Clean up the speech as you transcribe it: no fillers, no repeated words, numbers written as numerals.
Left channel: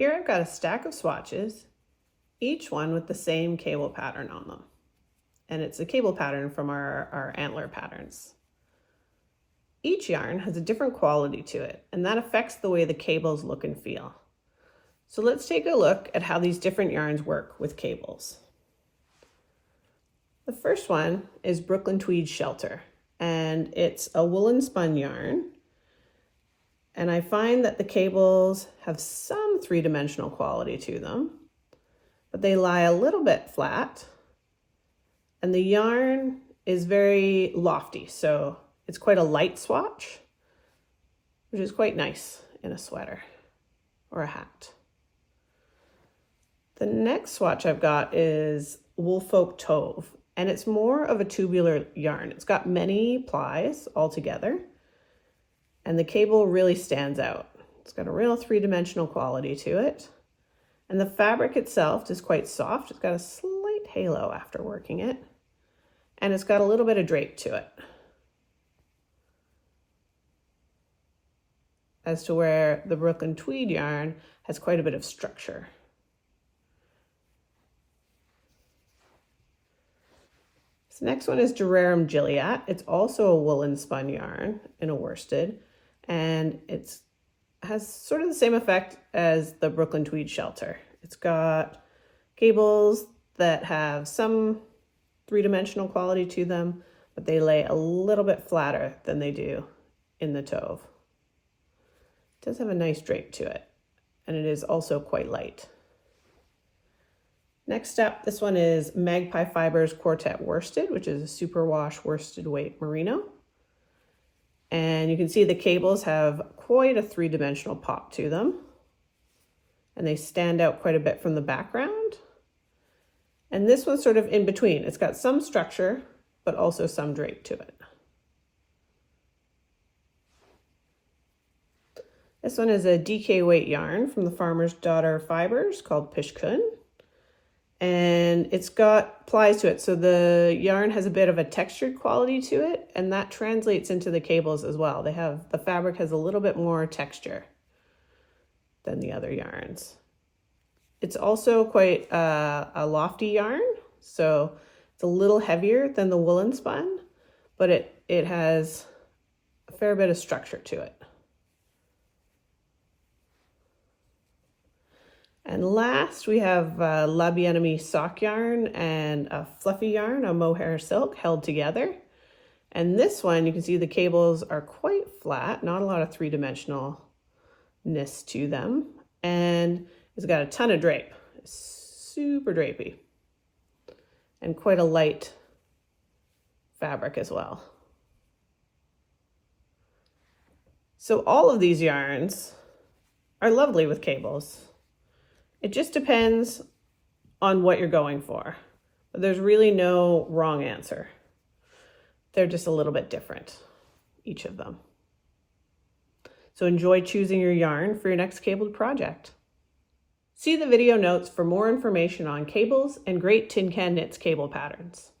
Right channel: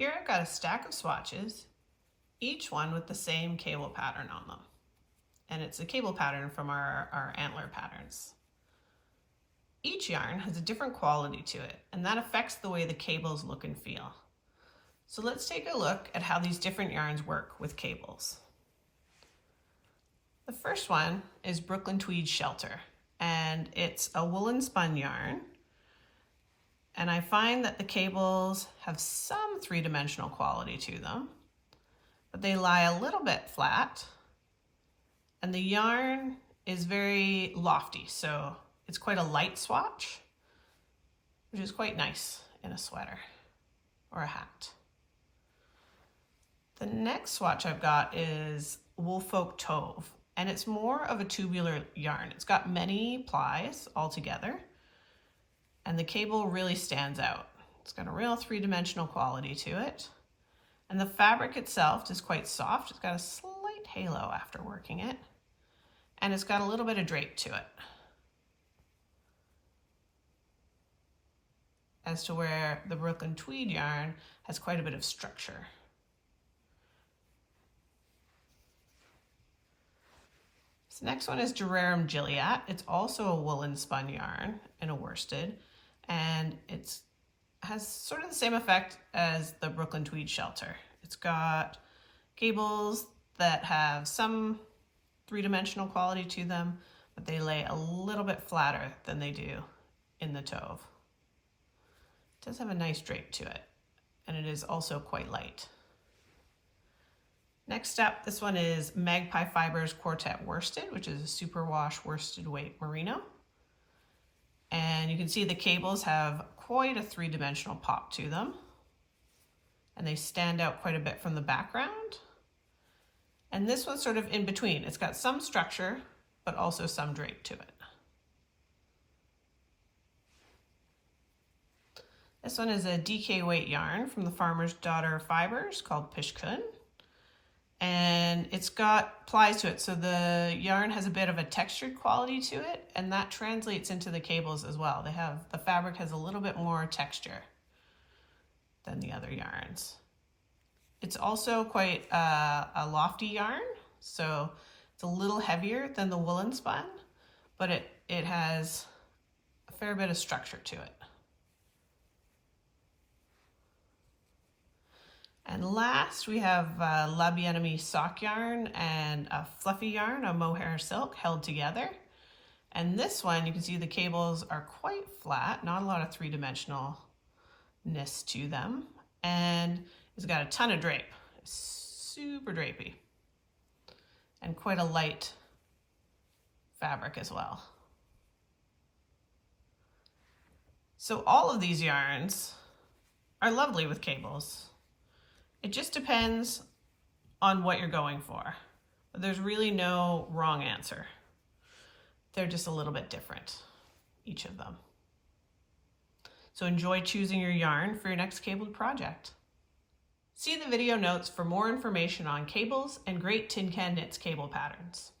Here I've got a stack of swatches, each one with the same cable pattern on them. And it's a cable pattern from our antler patterns. Each yarn has a different quality to it, and that affects the way the cables look and feel. So let's take a look at how these different yarns work with cables. The first one is Brooklyn Tweed Shelter, and it's a woolen spun yarn. And I find that the cables have some three-dimensional quality to them, but they lie a little bit flat. And the yarn is very lofty, so it's quite a light swatch, which is quite nice in a sweater or a hat. The next swatch I've got is Woolfolk Tove, and it's more of a tubular yarn. It's got many plies all together, and the cable really stands out. It's got a real three-dimensional quality to it. And the fabric itself is quite soft. It's got a slight halo after working it, and it's got a little bit of drape to it. As to where the Brooklyn Tweed yarn has quite a bit of structure. This next one is Durarum Gilliat. It's also a woolen spun yarn in a worsted, and it has sort of the same effect as the Brooklyn Tweed Shelter. It's got cables that have some three-dimensional quality to them, but they lay a little bit flatter than they do in the Tove. It does have a nice drape to it, and it is also quite light. Next up, this one is Magpie Fibers Quartet Worsted, which is a superwash worsted weight merino. And you can see the cables have quite a three-dimensional pop to them, and they stand out quite a bit from the background. And this one's sort of in between. It's got some structure, but also some drape to it. This one is a DK weight yarn from the Farmer's Daughter Fibers called Pishkun. And it's got plies to it, so the yarn has a bit of a textured quality to it, and that translates into the cables as well. The fabric has a little bit more texture than the other yarns. It's also quite a lofty yarn, so it's a little heavier than the woolen spun, but it has a fair bit of structure to it. And last, we have La Bien-Aimée sock yarn and a fluffy yarn, a mohair silk, held together. And this one, you can see the cables are quite flat, not a lot of three-dimensionalness to them. And it's got a ton of drape, super drapey, and quite a light fabric as well. So all of these yarns are lovely with cables. It just depends on what you're going for. But there's really no wrong answer. They're just a little bit different, each of them. So enjoy choosing your yarn for your next cabled project. See the video notes for more information on cables and great Tin Can Knits cable patterns.